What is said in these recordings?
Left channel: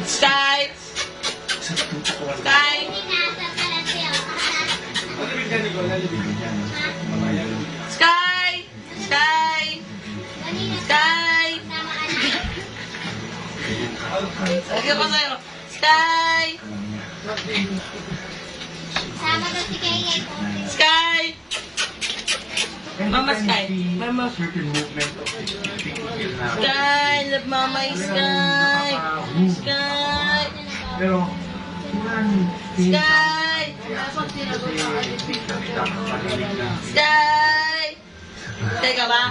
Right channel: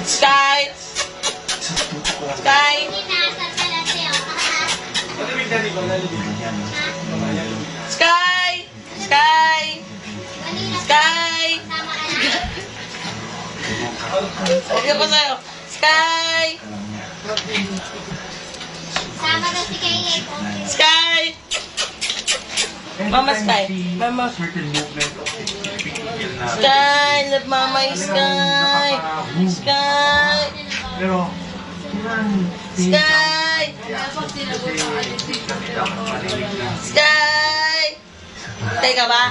Sky! Sky! Sky! Sky! Sky! Okay po sa'yo. Sky! Sama na si Kay. Sky! Mama Sky. Mama. Sky! Love Mama Sky! Sky! Pero, Sky! Sky! Teka ba?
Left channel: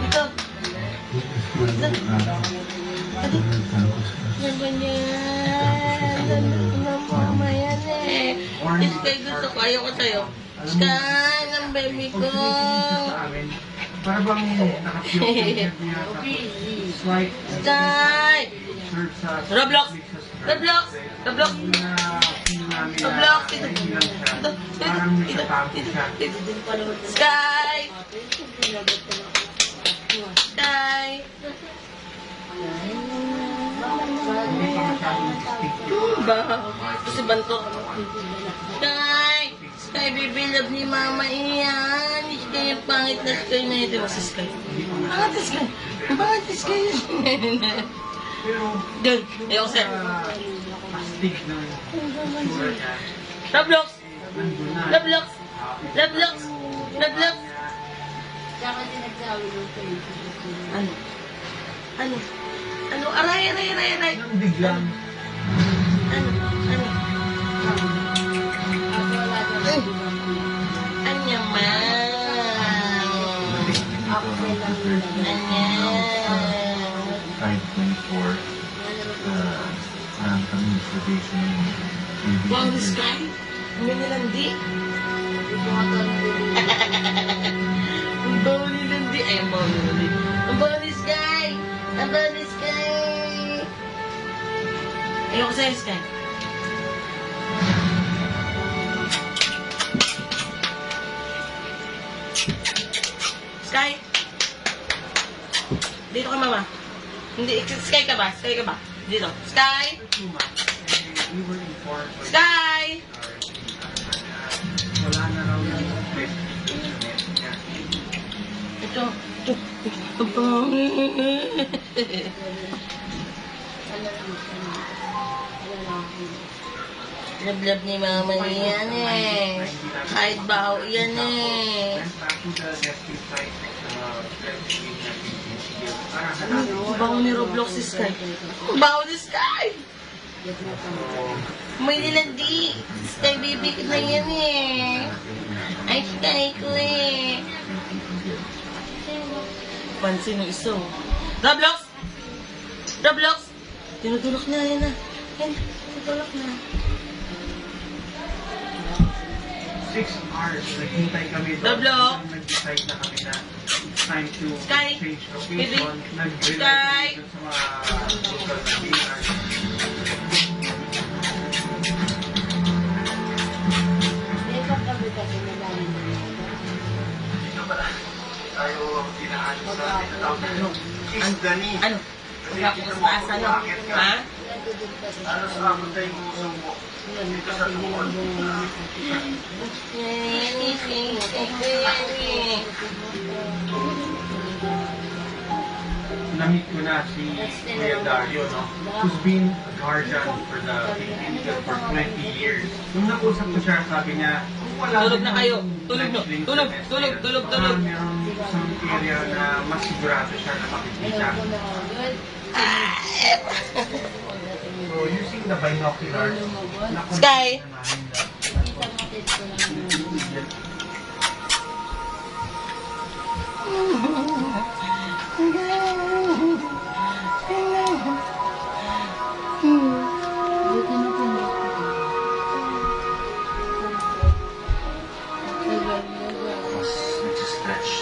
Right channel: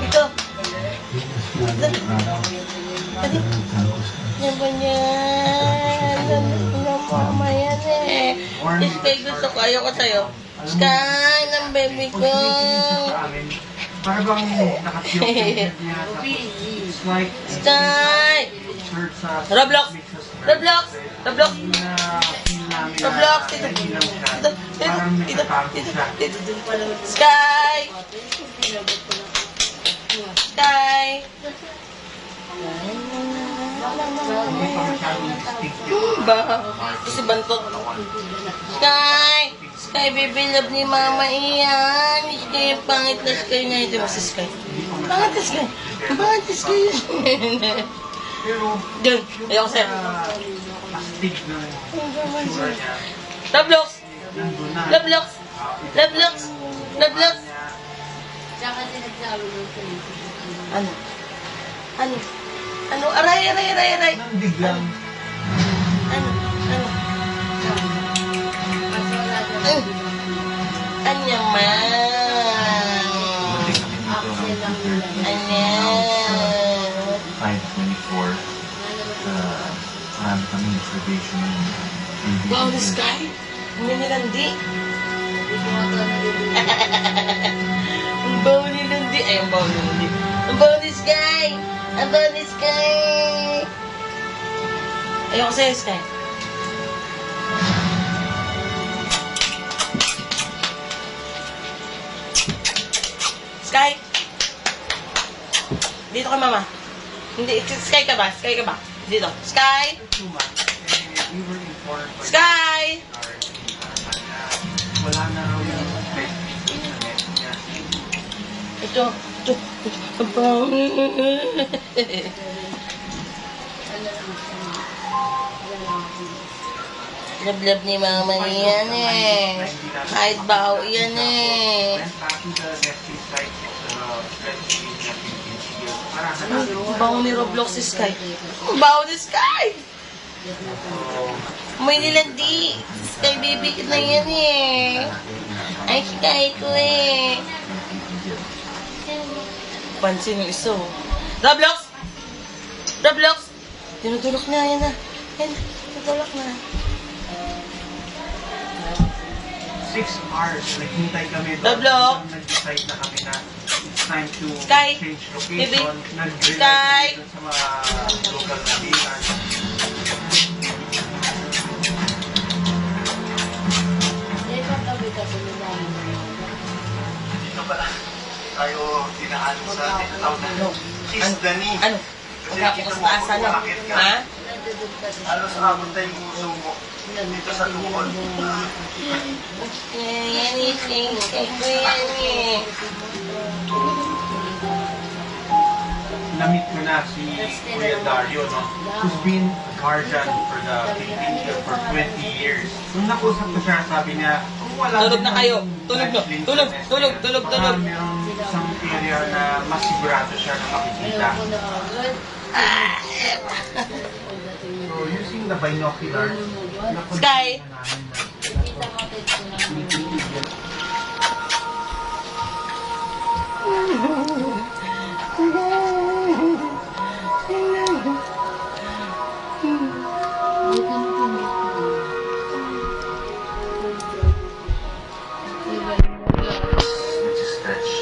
Ito. Yan ba yan? Yan mama yan eh. Sky, gusto ko. Ayoko sa'yo. Sky, ng baby ko. para bang nakatiyok niya. It's like, Sky! shirt sa Roblox! Roblox! Roblox! Roblox! parang nagtatago siya. Sky! Sky! Hindi pa masyadong distinct. Ba? Kasi bantot. Sky! Sky, baby love ni mama iyan. Sky, yung pangit na Sky na ito. Si Sky. Pangit na Sky. Pangit na Sky. Pero, Diyan. Ayaw ko sa'yo. astig na sura niya. Roblox! Nandun na. Roblox! Roblox! Roblox! Ano? Ano? Ano? Aray, aray, aray, aray! Nang biglang, Ano? Ano? Anya man. Anya. 524 kami observation Wow, the sky. Ang nilandi. Ang bawa nilandi. Ay, ang bawa nilandi. Ang bawa ni Sky. Ang bawa ni Sky. Ayoko sa'yo, Sky. Sky. Dito ka, mama. Hindi, Sky ka ba? Sky ka ba? Dito. Sky. 2 months, we were informed by Sky. wala na raw yung best niya. Ito. Ito. Ang pangit. Love-love ni mama niyan eh. Kahit baho yan eh. Then, after the nesting site, especially niya pinipigil. Parang Ang baho ni Roblox si Sky. Ang baho ni Sky. May nilandi. Sky baby ko na yan eh. Ay, Sky ko eh. Pansin yung iso. Roblox! Roblox! Tinutulok niya, yan na. Yan, tinutulok na. 6 hours, naghintay kami doon. Roblox. Nag-decide na kami na it's time to Sky. change Baby. location. Nag-rely Sky. kami dun sa mga local na dealers. dito pala tayo dinaan sa tinatawag na Cheese Dani. Ano? Sa taas ano? Ha? Ano sa kapon tayo sumo dito sa tukol. Yan eh, Sky ko yan eh. Namit ko na si Kuya Dario, no? Who's been a guardian for the Philippines for 20 years. Nung nakusap ko siya, sabi niya, kung wala Tulog na din kayo. yung Tulog na. wrestling Tulog, semester, tulog, tulog, tulog. parang mayroong isang area na mas sigurado siya na makikita. So, using the binoculars, Sky. na namin. Nag-stretch.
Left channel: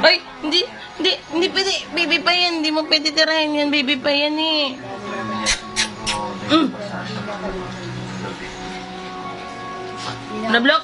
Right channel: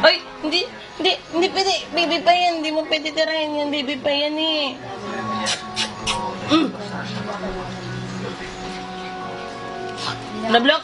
Ay, hindi pwede. Baby pa yan. Hindi mo pwede tirahin yan. Baby pa yan eh. Problema niya siguro dahil massage na ako. Roblox?